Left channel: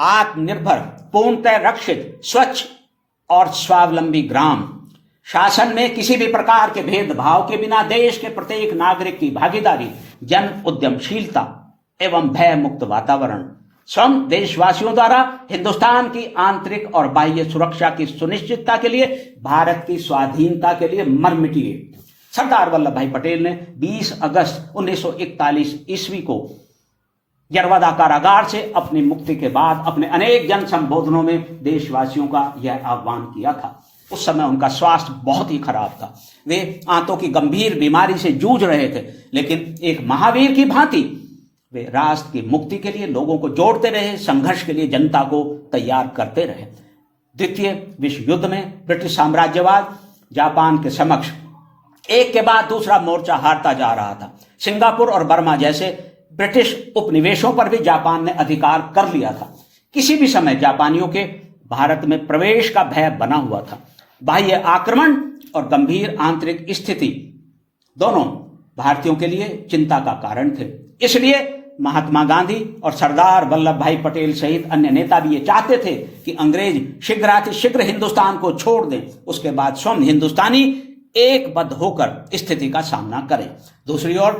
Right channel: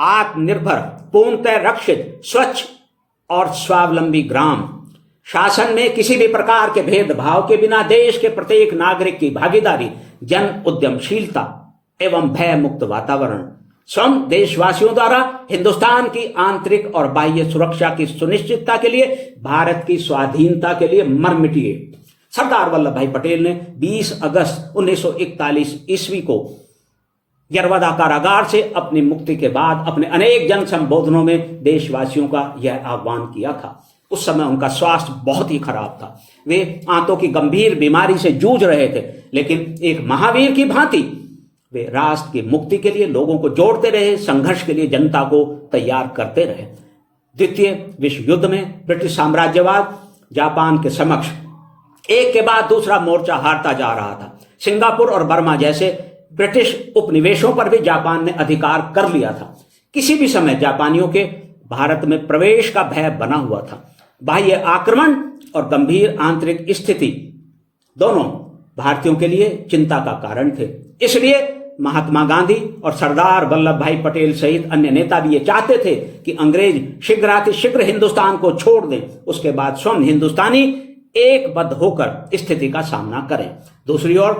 आत्मनिर्भर, पूर्णतः रक्षित, स्वच्छ और स्वावलंबी ग्राम, शासन में किसी भी प्रकार के भेदभाव के बिना देश के प्रत्येक नागरिक की भागीदारी, जन उद्यमशीलता एवं भय मुक्त वातावरण, स्वयं देशवासियों द्वारा हिंदुस्तान की आंतरिक और बाह्य सुरक्षा की सुनिश्चितता के लिए भारत की स्वाधीनता के लिए मर मिटिए। सरदार वल्लभ भाई पटेल ने 20 अगस्त 1941 ईस्वी को यरवदा कारागार से अपनी मुक्ति के बाद अपने अनेक जन संबोधनों में देशवासियों का यह आह्वान किया था। उस समय उनका स्वास्थ्य बहुत ही खराब था। वे आंतों की गंभीर बीमारी से जूझ रहे थे, लेकिन एक महावीर की भांति वे राष्ट्र की मुक्ति के लिए लोगों को जोड़ते रहे, संघर्ष के लिए जनता को तैयार करते रहे। द्वितीय विश्व युद्ध में ब्रिटिश साम्राज्यवाद जापान के समक्ष एक के बाद दूसरा मोर्चा हारता जा रहा था। सिंगापुर और बर्मा जैसे ब्रिटिश उपनिवेशों पर भी जापान ने अधिकार कर लिया था। किसी भी समय जापानियों के भारत में प्रवेश का भय बना हुआ था। बाह्य आक्रमण और गंभीर आंतरिक स्थिति दोनों भारतीयों के लिए चिंता का कारण थे। इसलिए महात्मा गांधी और सरदार वल्लभ भाई पटेल सहित अन्य नेता भी ये चाहते थे कि अंग्रेज शीघ्रातिशीघ्र हिंदुस्तान को छोड़ दें, उसके बाद स्वयं हिंदुस्तानी एकबद्ध होकर स्थिति का सामना करें। दूसरी ओर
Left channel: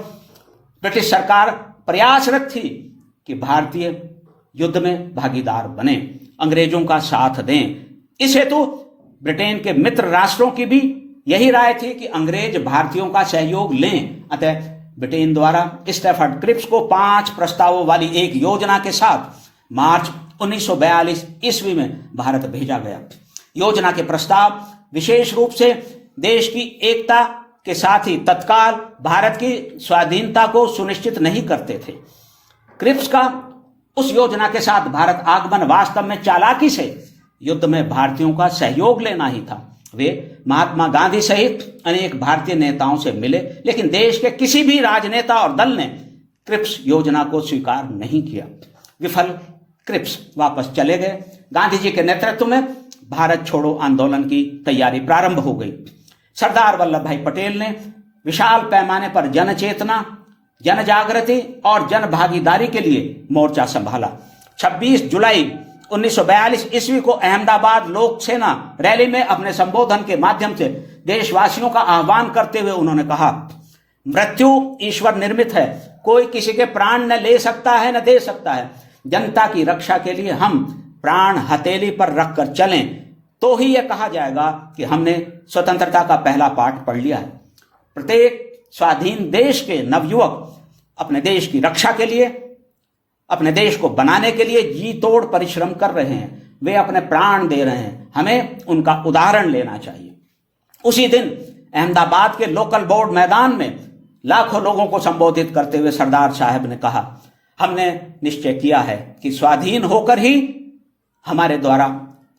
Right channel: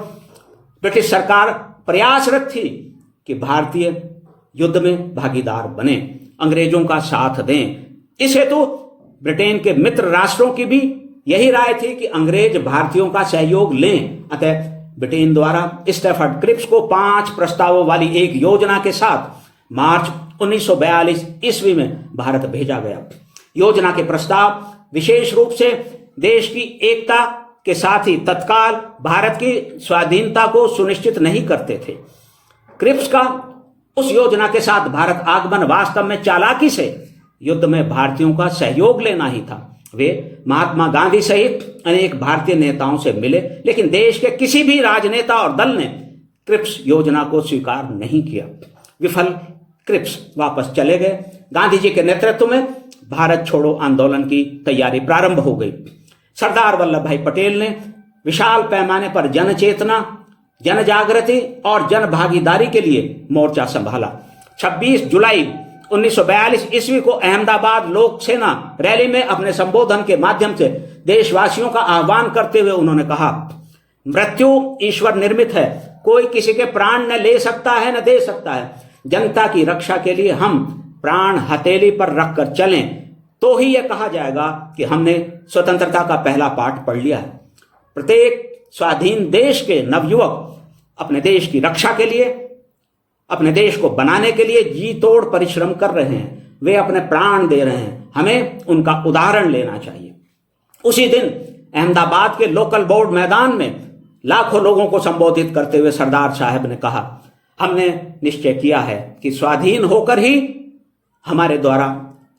ब्रिटिश सरकार प्रयासरत थी कि भारतीय युद्ध में भागीदार बने, अंग्रेजों का साथ दें। इस हेतु ब्रिटेन के मित्र राष्ट्रों की भी यही राय थी कि अंग्रेज भारतीयों का सहयोग लें। अतः ब्रिटेन द्वारा स्टैफर्ड क्रिप्स को 5 प्रस्तावों वाली एक योजना के साथ मार्च 1942 ईस्वी में भारत भेजा गया। योजना के प्रस्ताव विशेष रूप से देश की एकता के साथ ही तत्काल भारत की स्वाधीनता को सुनिश्चित नहीं करते थे। क्रिप्स का उस योजना के साथ भारत आगमन वास्तव में चालाकी से युद्ध में भारतीयों का सहयोग लेना ही था। वे महात्मा गांधी सहित अनेक भारतीय नेताओं से मिले, लेकिन देश के किसी भी राजनेता और दल ने क्रिप्स योजना को स्वीकार नहीं किया। विफल क्रिप्स वापस चले गए। गांधी जी के नेतृत्व में भारत छोड़ो आंदोलन की तैयारी प्रारंभ हो गई। सरदार वल्लभ भाई पटेल ने विशाल पैमाने पर जन चेतना, जन जागृति और जन भागीदारी के लिए मोर्चा संभाला। 26 जुलाई 1942 ईस्वी को अहमदाबाद लोक सेना रैली में अपने संबोधन के माध्यम से देशवासियों का आह्वान करते हुए उन्होंने कहा, मृत्यु ईश्वर निर्मित है, कोई किसी के प्राण न ले सकता है न दे सकता है। जनता की रक्षा के लिए हम प्राण हथेली पर रखकर चलें तो ही यह कहा जाएगा कि हमने स्वतंत्रता का पहला पाठ पढ़ लिया है। प्रत्येक स्वाधीन देश के नवयुवक अपने देश की रक्षा के लिए, अपने देश को बनाने के लिए जी तोड़ परिश्रम कर रहे हैं। वे अपने प्राण दे रहे हैं। हमें उनका उदाहरण लेना चाहिए। उसी दिन अहमदाबाद के लोकल बोर्ड मैदान में लाखों लोगों को संबोधित करते हुए सरदार साहब ने कहा, हमने निश्चय किया है कि स्वाधीन होकर ही हमारे द्वारा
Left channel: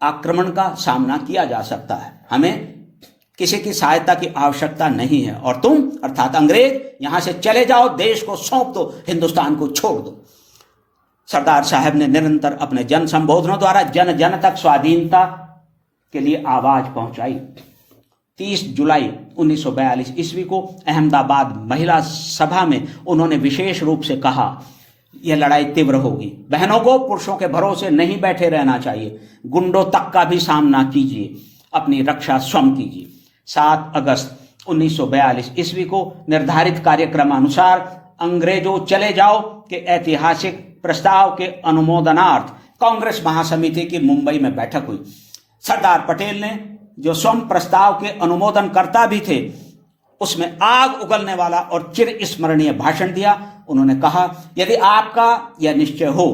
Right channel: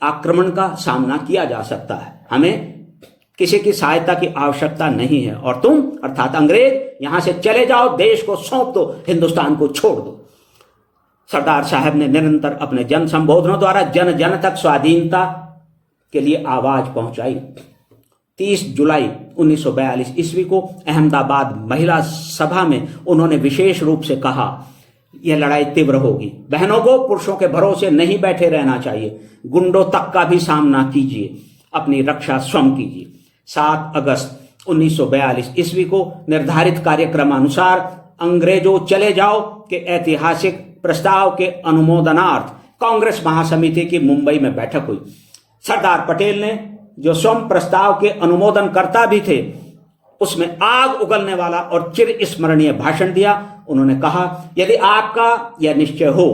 आक्रमण का सामना किया जा सकता है। हमें किसी की सहायता की आवश्यकता नहीं है और तुम अर्थात अंग्रेज यहां से चले जाओ, देश को सौंप दो, हिंदुस्तान को छोड़ दो। सरदार साहब ने निरंतर अपने जन संबोधनों द्वारा जन जन तक स्वाधीनता के लिए आवाज पहुंचाई। 30 जुलाई 1942 ईस्वी को अहमदाबाद महिला सभा में उन्होंने विशेष रूप से कहा, यह लड़ाई तीव्र होगी। बहनों को पुरुषों के भरोसे नहीं बैठे रहना चाहिए। गुंडों तक का भी सामना कीजिए, अपनी रक्षा स्वयं कीजिए। 7 अगस्त 1942 ईस्वी को निर्धारित कार्यक्रम अनुसार अंग्रेजों चले जाओ के ऐतिहासिक प्रस्ताव के अनुमोदनार्थ कांग्रेस महासमिति की मुंबई में बैठक हुई। सरदार पटेल ने, जो स्वयं प्रस्ताव के अनुमोदन करता भी थे, उसमें आग उगलने वाला और चिर स्मरणीय भाषण दिया। उन्होंने कहा, यदि आपका यह निश्चय हो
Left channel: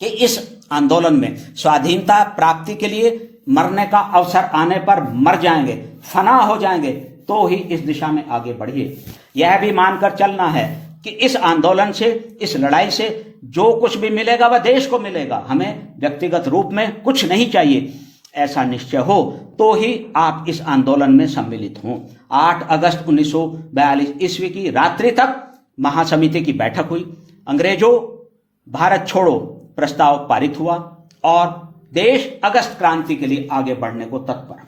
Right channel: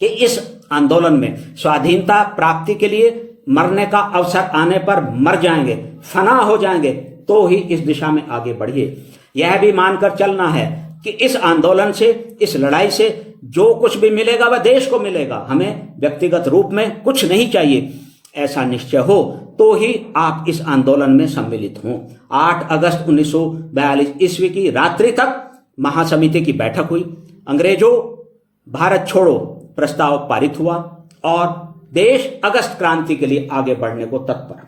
कि इस आंदोलन में स्वाधीनता प्राप्ति के लिए मरने का अवसर आने पर मर जाएंगे, फना हो जाएंगे, तो ही इस दिशा में आगे बढ़िए। यह भी मानकर चलना है कि इस आंदोलन से, इस लड़ाई से जो कुछ भी मिलेगा वह देश को मिलेगा। हमें व्यक्तिगत रूप में कुछ नहीं चाहिए। ऐसा निश्चय हो तो ही आप इस आंदोलन में सम्मिलित हों। 8 अगस्त 1942 ईस्वी की रात्रि तक महासमिति की बैठक हुई। अंग्रेजों भारत छोड़ो प्रस्ताव पारित हुआ और देश अगस्त क्रांति के लिए आगे बढ़ने को तत्पर।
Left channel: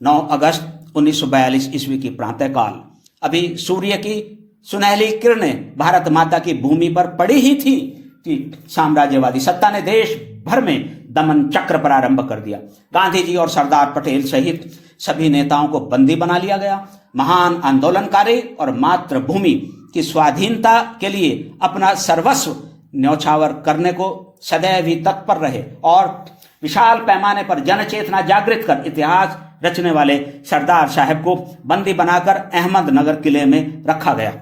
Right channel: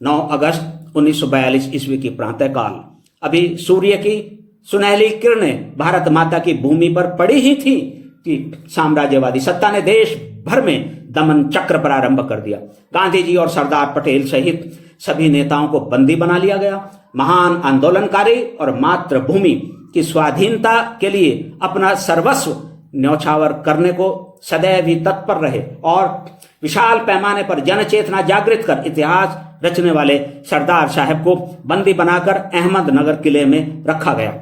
9 अगस्त 1942 ईस्वी की प्रातःकाल, अभी सूर्य की सुनहली किरणें भारत माता की भूमि पर पड़ी ही थी की साम्राज्यवादी सत्ता ने देश भर में दमन चक्र प्रारंभ कर दिया। गांधी जी और सरदार पटेल सहित सभी नेताओं को बंदी बना लिया गया। महान आंदोलनकारी और मातृभूमि की स्वाधीनता के लिए अपना सर्वस्व न्यौछावर करने को सदैव ही तत्पर रहे और विशाल पैमाने पर जनचेतना जागृत कर इतिहास रचने वाले सरदार साहब को बंदी बनाकर अहमदनगर किले में रखा गया।